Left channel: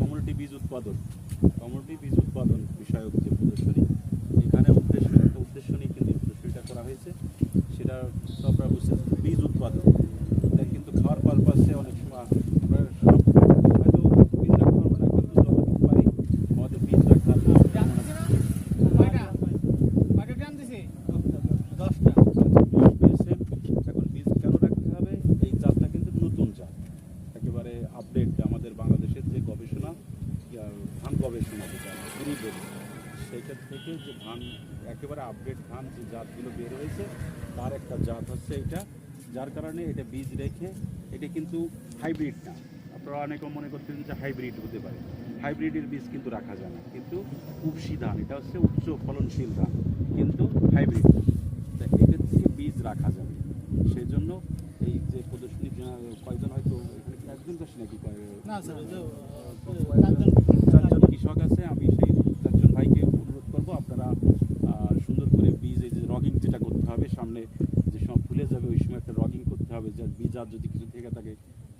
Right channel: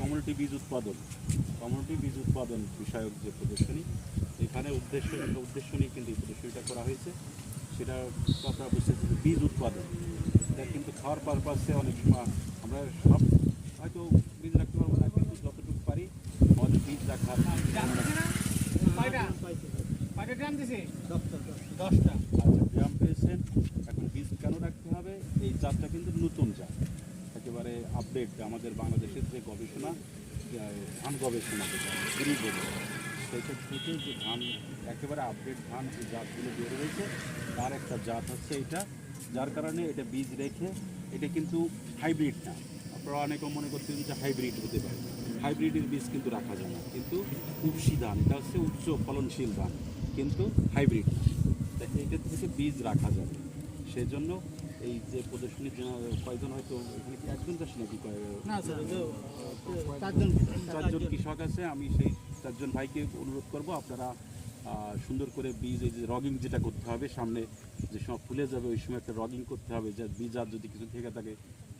Community বীজ উৎপাদন। Community বীজ উৎপাদন বিষয়ক যে প্রদর্শনী, এখানে উদ্দেশ্য উদ্দেশ্য নিয়ে কিন্তু প্রদর্শনীটা করা হয়েছে। সেটা আপনারা বুঝছেন বীজ উৎপাদন। এটা কিন্তু খাওয়ার পারপাসে অনেক সময় আমরা সব হয়তো বীজ রাখতে পারব না কিন্তু যতটুকু পারি আমাদের বীজ রাখার পেয়েছেন এখন বীজ কেন রাখতে হবে এই জাতটা কিন্তু নতুন জাত একেবারে আপডেট আমাদের বাংলাদেশের যে গবেষণা ধান গবেষণা যেটা করে থেকে যে ধান, একেবারে আপডেট ধান যে জাতগুলো বের হয়েছে, তার একটা জাত হচ্ছে এটা, যার কারণে এটা বীজ রেখে এটা কিন্তু হাইব্রিড না। আপনারা অনেকে মনে করছেন যে হাইব্রিড হতে পারে। হাইব্রিডের বীজ কিন্তু রাখা যায় না। কিন্তু উপসি ধান, এটা হচ্ছে উচ্চ ফলনশীল ধান, কিন্তু হাইব্রিড তা থেকে বীজ রাখা যাবে। সেই জন্য এই যে প্রদর্শনীর জন্য কয়জন হয়তো এখানে কি একজন চাষি নাকি? চারজন। চারজন। কৃষক আছে? আমি সেই চারজন ভাইকে অনুরোধ করব আপনারা সুন্দর করে বীজ এই যে রগিং যেটা করতে হবে সামনে যে সময় ফুলে যাবে ওই সময় একটা রগিং করতে হবে যে বীজ আর যদি কিছু থেকে থাকে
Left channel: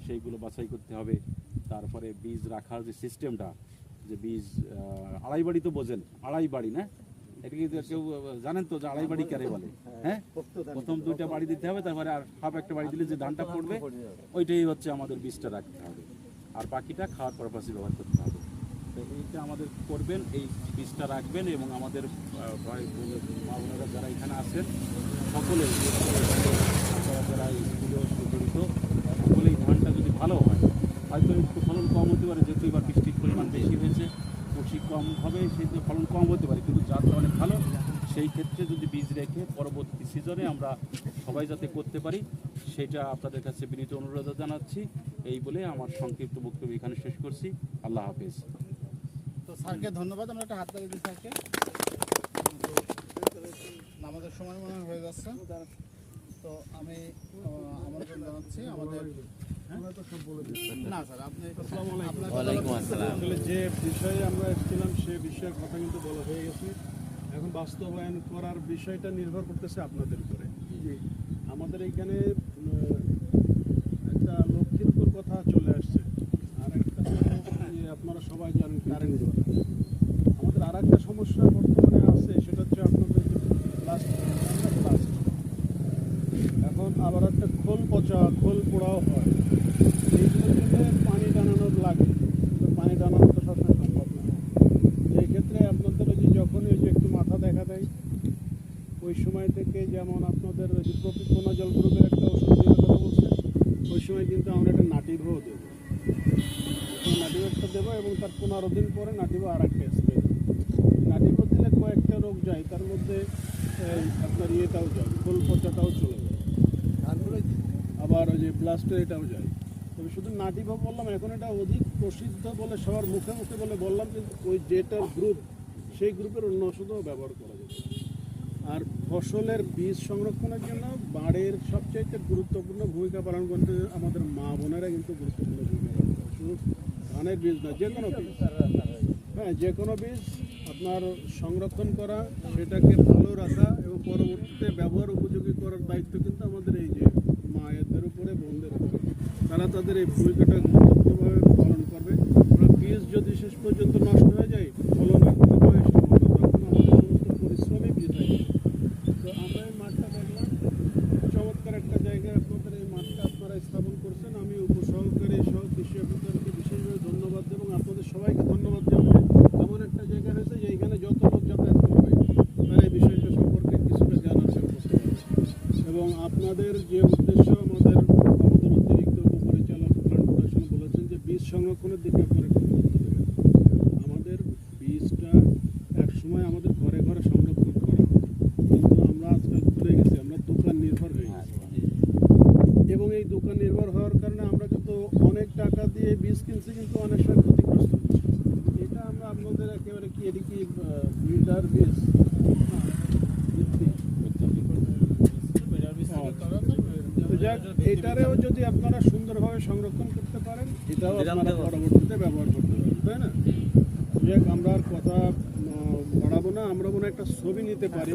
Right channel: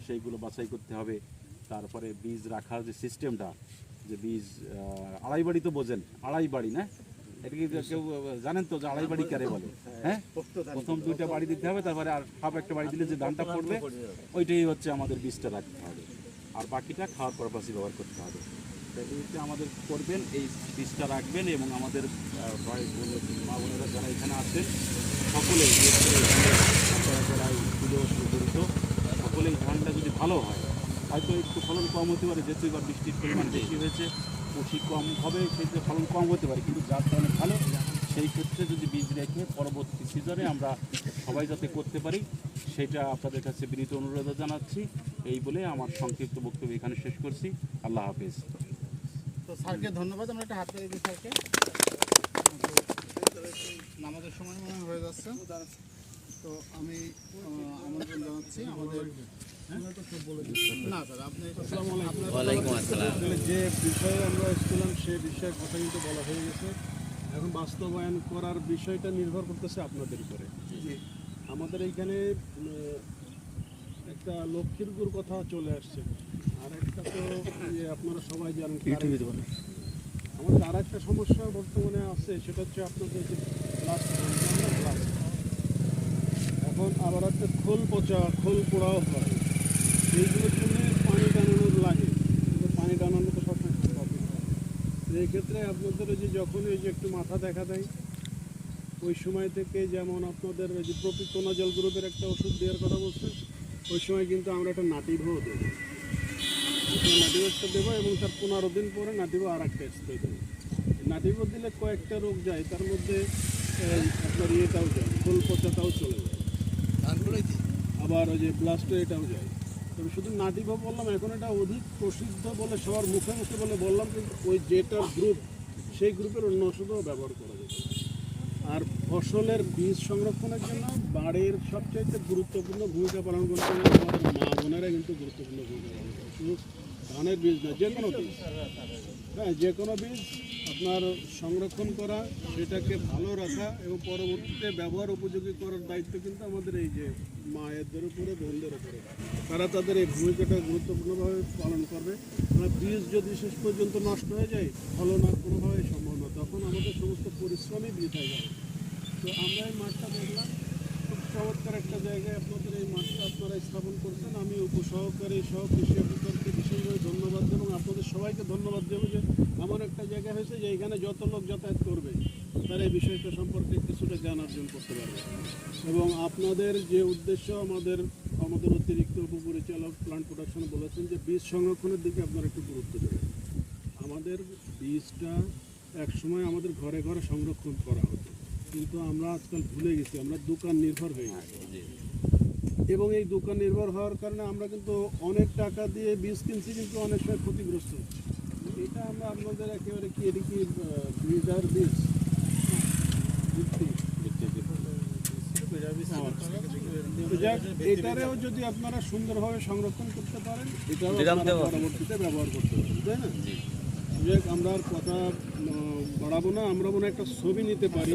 সেইগুলো বাছাই করতে হবে। তারপরে বীজ রাখার যে সিস্টেমটা যে বীজ আড়াই বাড়ি তো বোঝেন আড়াই বাড়ি না? এটা কি কেউ জানেন তো যে আড়াই বাড়ি কারে বলে হ্যাঁ? প্রথম দুইটা বাড়ি দিতে হবে, তারপরে আর সব একটা বাড়ি দিলে যে ধানটা পড়বে, ওইটাই হচ্ছে আমাদের বীজটা রাখতে হবে। আর বাকিটা খাওয়ার পারপাসে ব্যবহার করতে হবে। এইটা আমাদের করবেন, এই বীজটা রাখবেন এবং আমাদের মা বোনেরা যারা এখানে আছেন, সকলে, আপনারা যারা এই জড়িত সকলে ধানটা যদি ভালো হয়, হয়তো একটু ফলন কম হতে পারে, যেহেতু এবার বৃষ্টির পরিমাণ বেশি হয়েছে কষি কম হবে সেক্ষেত্রে ফলন কম হতে পারে, কিন্তু জাতটা অনেক ভালো, সেই ক্ষেত্রে যদি বীজ রেখে পরবর্তী সিজনে আমরা সবাই যাতে করতে পারি, সেটা আপনাদের কাছে বিনীত অনুরোধ জানাচ্ছি। এই বলে আমার সংক্ষিপ্ত বক্তব্য এখানে শেষ করছি। আল্লাহ হাফিজ। তো স্যারকে ধন্যবাদ, আমরা একটা হাত দিই স্যারকে। আমাদের সময় মনে হয় যাচ্ছে। তো আমি আমন্ত্রণ জানাচ্ছি আমাদের? না স্যার আপনি যে বিষয়ে আমরা এসেছিলাম সে বিষয়ে কথা কিন্তু বলা হয়ে গেছে। এখন বাস্তবায়ন করার বিষয়টা নির্ভর করতেছে আপনাদের উপরে। আমাদের এইখানে একটা লক্ষ্মীপুর কথা চলে আসছে। আর একটা তো যে আপনারা সবাই জানেন আমাদের আর একটা সমস্যা বর্তমানে আছে সেটা হচ্ছে আপনাদের যে এখন আবার একটা খোল পচা খোল পোড়াও হয় এইগুলোর জন্য পানি টানানোর লাগে কিন্তু পানি টানানো তো সবসময় সম্ভব না তো এই ক্ষেত্রে আপনাদের ওই যে যখন ওই যে একটু মাথা দেখা দেয়। ওই সময় থেকে যেমন আপনাদের ওই যে প্রপিকোনা জল গ্রুপের একটা ওষুধ দেওয়ার কথা বলছেন ওই সময় কিন্তু আমরা একটা নাটিভও দেবো। নাটিভ একটা দেবো এবং তার পনেরো দিন পরে নাটিভও আর একটা স্প্রে দেবো। নাটিভও দিলে কয়েকটা রোগ যায় তার মধ্যে আপনার ইয়েটাও যায় ফুল পচাটাও চলে যায়। আবার ওই যে ব্লাস্টে এটাও যায়। তবে শুধু নাটিভও বললাম এখন এটা অধিক প্রসিদ্ধ বলে সবার মুখে মুখে বলে বললাম কিন্তু ওই যেটার গ্রুপ সেই গ্রুপের অন্য ওষুধও ব্যবহার করা যেত আর ফসলের বীজ সংরক্ষণের জন্য বাড়ির সবচাইতে গুরুত্বপূর্ণ ভূমিকা পালন করতে গেলে আমাদের মা বোনেরা কিন্তু গুরুত্বপূর্ণ ভূমিকা পালন করে। শুধু ধানের বীজ না যে কোনো বীজ। হ্যাঁ যে কোনো বীজ আপনার সংরক্ষণ করা, সেটাকে ভালো রাখা এবং পরবর্তীতে ব্যবহার উপযোগী করার দায়িত্ব কিন্তু আমাদের এই যে মায়েদের উপরে, বোনদের উপরে। তারা তাদের এই ভূমিকাটা গুরুত্বপূর্ণভাবে পালন করবে। কারণ বীজ যদি শেষ পর্যন্ত নষ্ট হয়ে যায়, ফলন আর কোনোভাবে সম্ভব তখন আমাদের সমস্ত পরিশ্রমই বৃথা যায় তো আমরা এই মাঠটা দেখলাম। চমৎকার একটা জায়গায় আপনাদের এই মাঠটা আপনারা স্থাপন করছেন। আমি উপসহকারী সহ কৃষি অফিসারকে বিশেষভাবে ধন্যবাদ দেব এবং আপনাদের সবাইকে ধন্যবাদ দেব এমন একটা জায়গা হয়েছে যে এখানে যত লোক যাতায়াত করবে, তারা এই বিষয়টা সম্পর্কে কিছুটা জ্ঞান আছে আছে। এবং আপনাদের যে উদ্দেশ্য আমাদের আমাদের অতিরিক্ত উপপরিচালক প্লান্ট প্রোডাকশন বলেছেন যে বীজ সংরক্ষণের দিকে আপনারা একটু গুরুত্ব দেবেন। আমাদের বীজটা একসময় আমাদের ঘরে ঘরে সংরক্ষণ করা হতো। কিন্তু আমরা আজকাল ভুলে গেছি আমরা দোকান নির্ভর হয়ে গেছি। এবং এই দোকান নির্ভর হওয়ার কারণে আমরা কিন্তু অনেক টাকা দিয়ে বীজ কিনছি কিন্তু অনেক সময় ক্ষতিগ্রস্ত। এটা আমরা আপনাদের একেবারে কি এটা কি ব্রিডার বীজ ভিত্তি। তো যাক, এটারেও যদি আপনারা সুন্দরভাবে সংরক্ষণ করতে পারেন এটাও আপনারা পরবর্তীতে ব্যবহার করতে পারেন তাই না? যাক আমরা আর কথা বাড়াবো না আমরা মনে একটা ছবি নিতে পারি।